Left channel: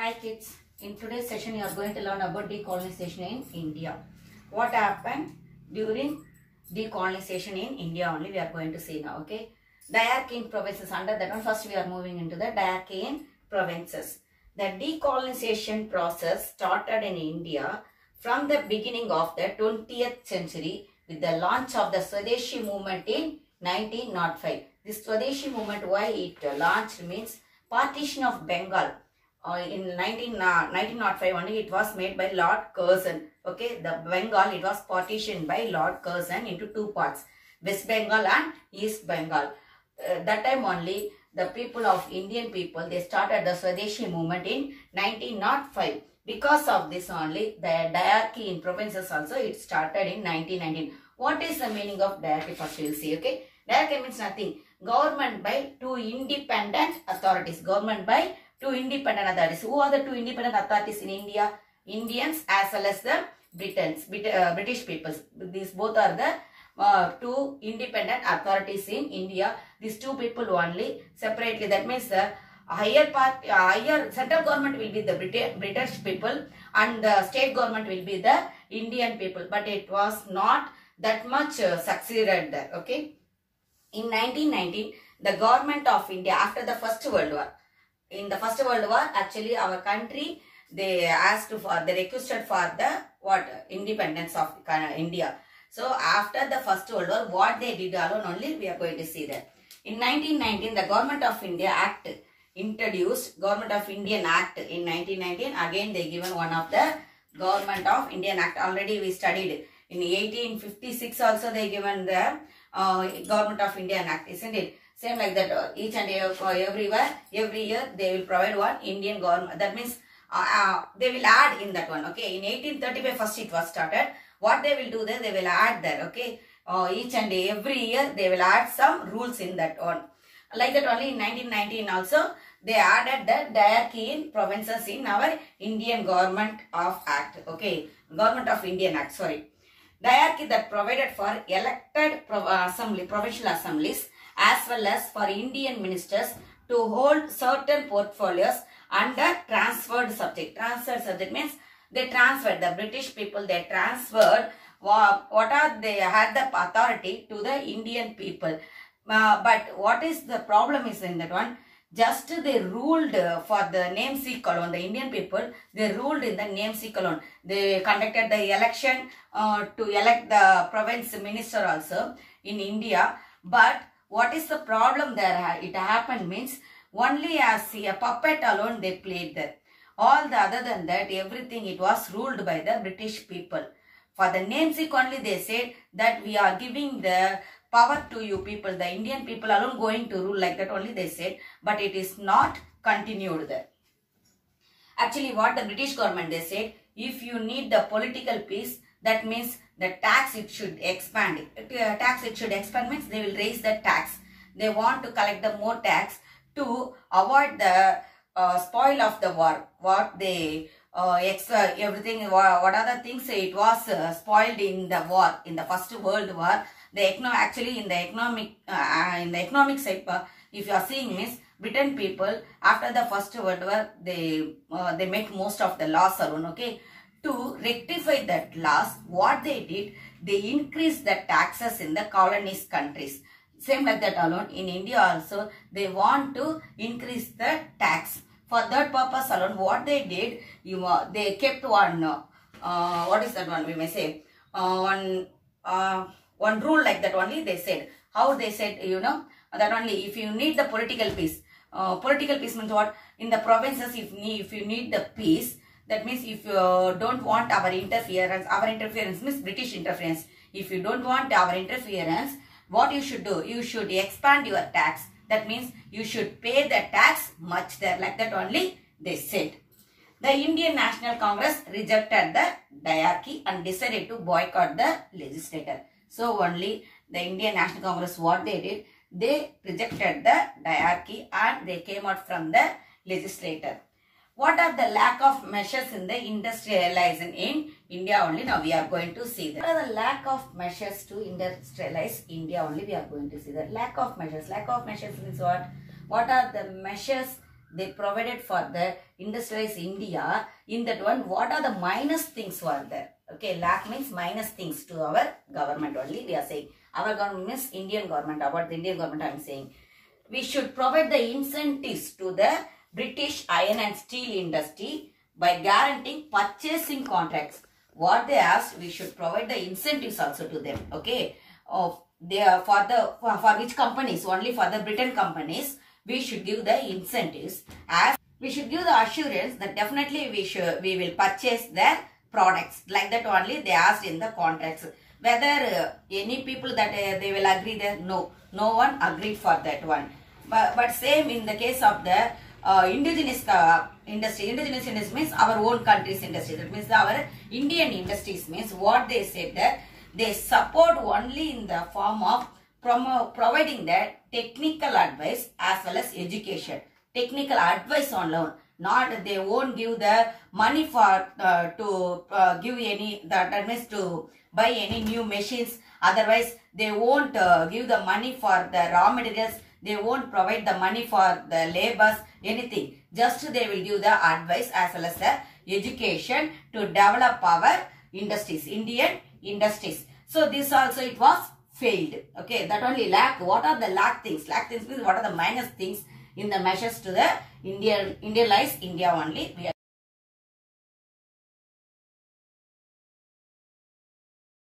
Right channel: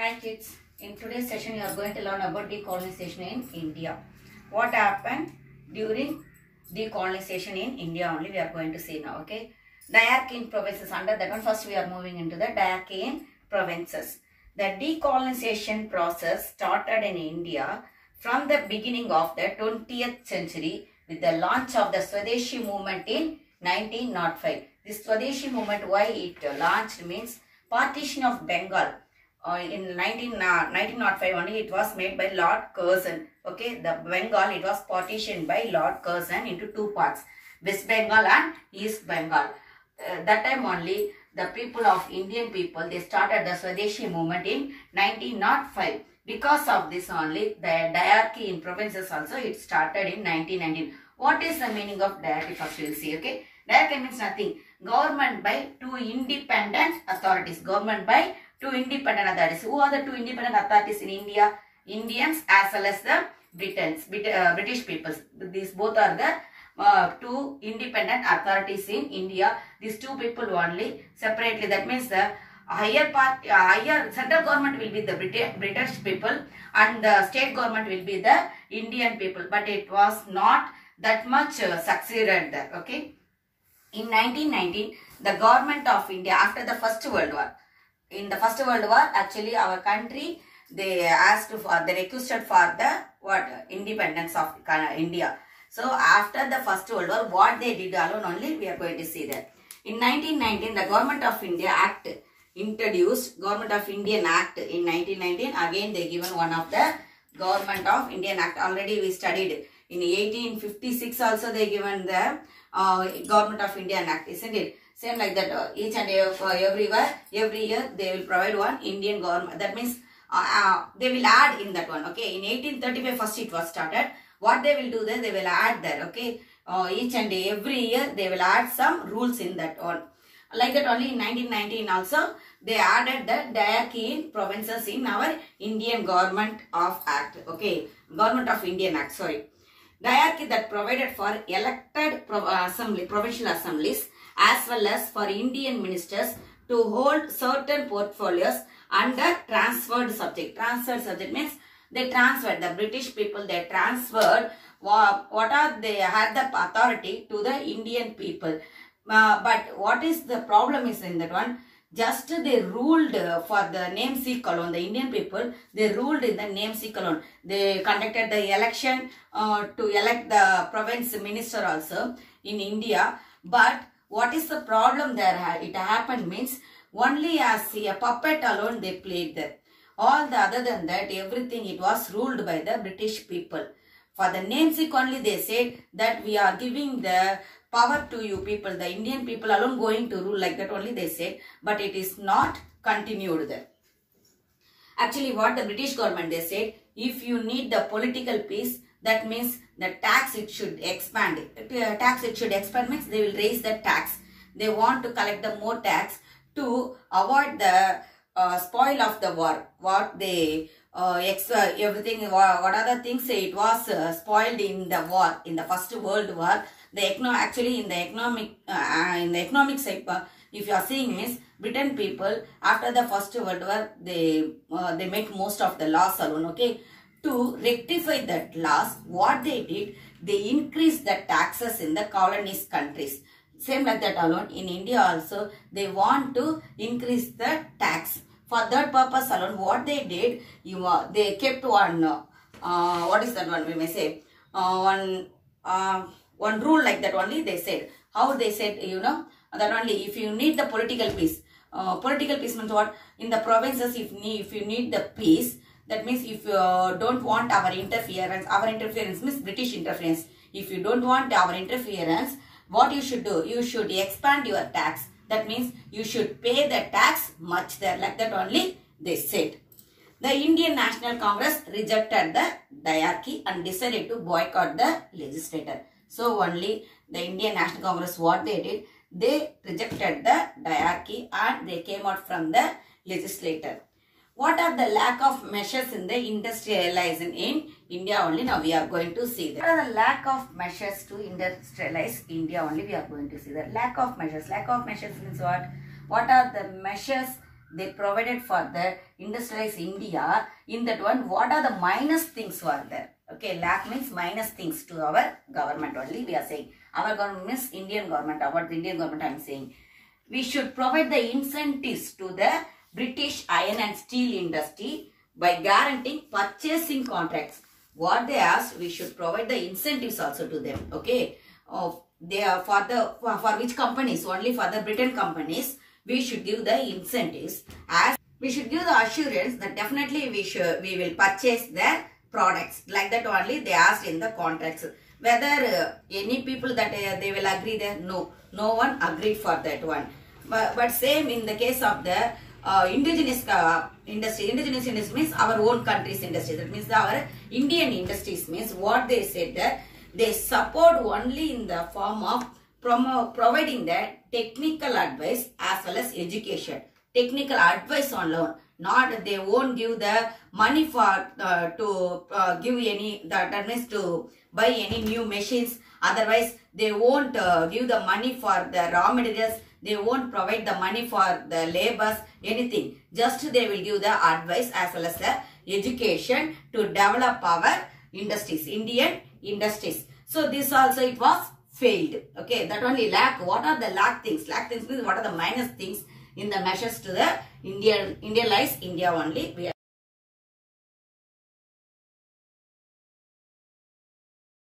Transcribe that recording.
Hi kids, in today's session you are going to learn about decolonization in India. What happened during decolonization in India only we are going to see now, okay. Diarchy in provinces, under that one first we are moving into the diarchy in provinces. The decolonization process started in India from the beginning of the 20th century with the launch of the Swadeshi movement in 1905. This Swadeshi movement, why it launched means partition of Bengal. In 1905 only it was made by Lord Curzon. Okay, the Bengal, it was partitioned by Lord Curzon into two parts, West Bengal and East Bengal. That time only the people of Indian people, they started the Swadeshi movement in 1905. Because of this only the diarchy in provinces also it started in 1919. What is the meaning of diarchy? First we will see. Okay, diarchy means nothing. Government by two independent authorities. Government by two independent authorities. Who are the two independent authorities in India? Indians as well as the British peoples. These both are the two independent authorities in India. These two people only separately. That means the higher central government will be the British people and the state government will be the Indian people. But it was not that much succeeded there. Okay. In 1919, the government of India after the First World War. In the First World War, actually our country, they requested for the independence of India. So after the First World War, what they did alone only we are going to see that. In 1919, the Government of India Act introduced, Government of Indian Act in 1919. Again they given one of the Government of Indian Act. Already we studied in 1856 also they given the Government of Indian Act, isn't it? Same like that, each and every year they will provide one Indian government. That means they will add in that one. Okay, in 1835 first it was started. What they will do then, they will add there. Okay, each and every year they will add some rules in that one. Like that only in 1919 also they added the diarchy in provinces in our Indian Government of Act. Okay, Government of Indian Act, sorry. Diarchy that provided for elected provincial assemblies as well as for Indian ministers to hold certain portfolios under transferred subject. Transferred subject means they transferred, the British people, they transferred they had the authority to the Indian people. But what is the problem is in that one, just they ruled for the namesake alone, the Indian people, they ruled in the namesake alone. They conducted the election to elect the province minister also in India. But what is the problem there? It happened means only as a puppet alone they played there. All the other than that, everything it was ruled by the British people. For the namesake only they said that we are giving the power to you people, the Indian people alone going to rule, like that only they said. But it is not continued there. Actually what the British government they said, if you need the political peace, that means the tax it should expand. Tax it should expand means they will raise the tax. They want to collect the more tax to avoid the spoil of the war. What they everything, what other things it was spoiled in the war, in the First World War. Actually in the economic side, if you are seeing means Britain people after the First World War they make most of the loss alone. Okay, to rectify that loss, what they did, they increased the taxes in the colonist countries. Same like that alone in India also they want to increase the tax. For that purpose alone, what they did, they kept one what is that one we may say, one rule like that only they said. How they said, you know, that only if you need the political peace. Political peace means what? In the provinces, if you need the peace, that means if you don't want our interference means British interference. If you don't want our interference, what you should do? You should expand your tax. That means you should pay the tax much there. Like that only they said. The Indian National Congress rejected the diarchy and decided to boycott the legislator. So only the Indian National Congress, what they did, they rejected the diarchy and they came out from the legislator. What are the lack of measures in the industrialization in India only? Now we are going to see that. What are the lack of measures to industrialize India only? We are going to see that. Lack of measures. Lack of measures means what? What are the measures they provided for the industrialized India. In that one, what are the minus things were there? Okay, lack means minus things to our government only. We are saying our government means Indian government. About the Indian government, I am saying we should provide the incentives to the British iron and steel industry by guaranteeing purchasing contracts. What they asked, we should provide the incentives also to them. Okay, they are for which companies? Only for the Britain companies. We should give the incentives, as we should give the assurance that definitely we will purchase the products. Like that only they asked in the contracts. Whether any people that they will agree there, no one agreed for that one. But same in the case of the indigenous industry. Indigenous industry means our own country's industry. That means our Indian industries means what they said that they support only in the form of providing the technical advice as well as education. Technical advice on loan. Not they won't give the money for to give any, that means to buy any new machines. Otherwise they won't give the money for the raw materials. They won't provide the money for the labors, anything. Just they will give the advice as well as the education to develop our industries, Indian industries. So this also it was failed. Okay, that only lack. What are the lack things? Lack things means what are the minus things in the measures to the Indianized India only.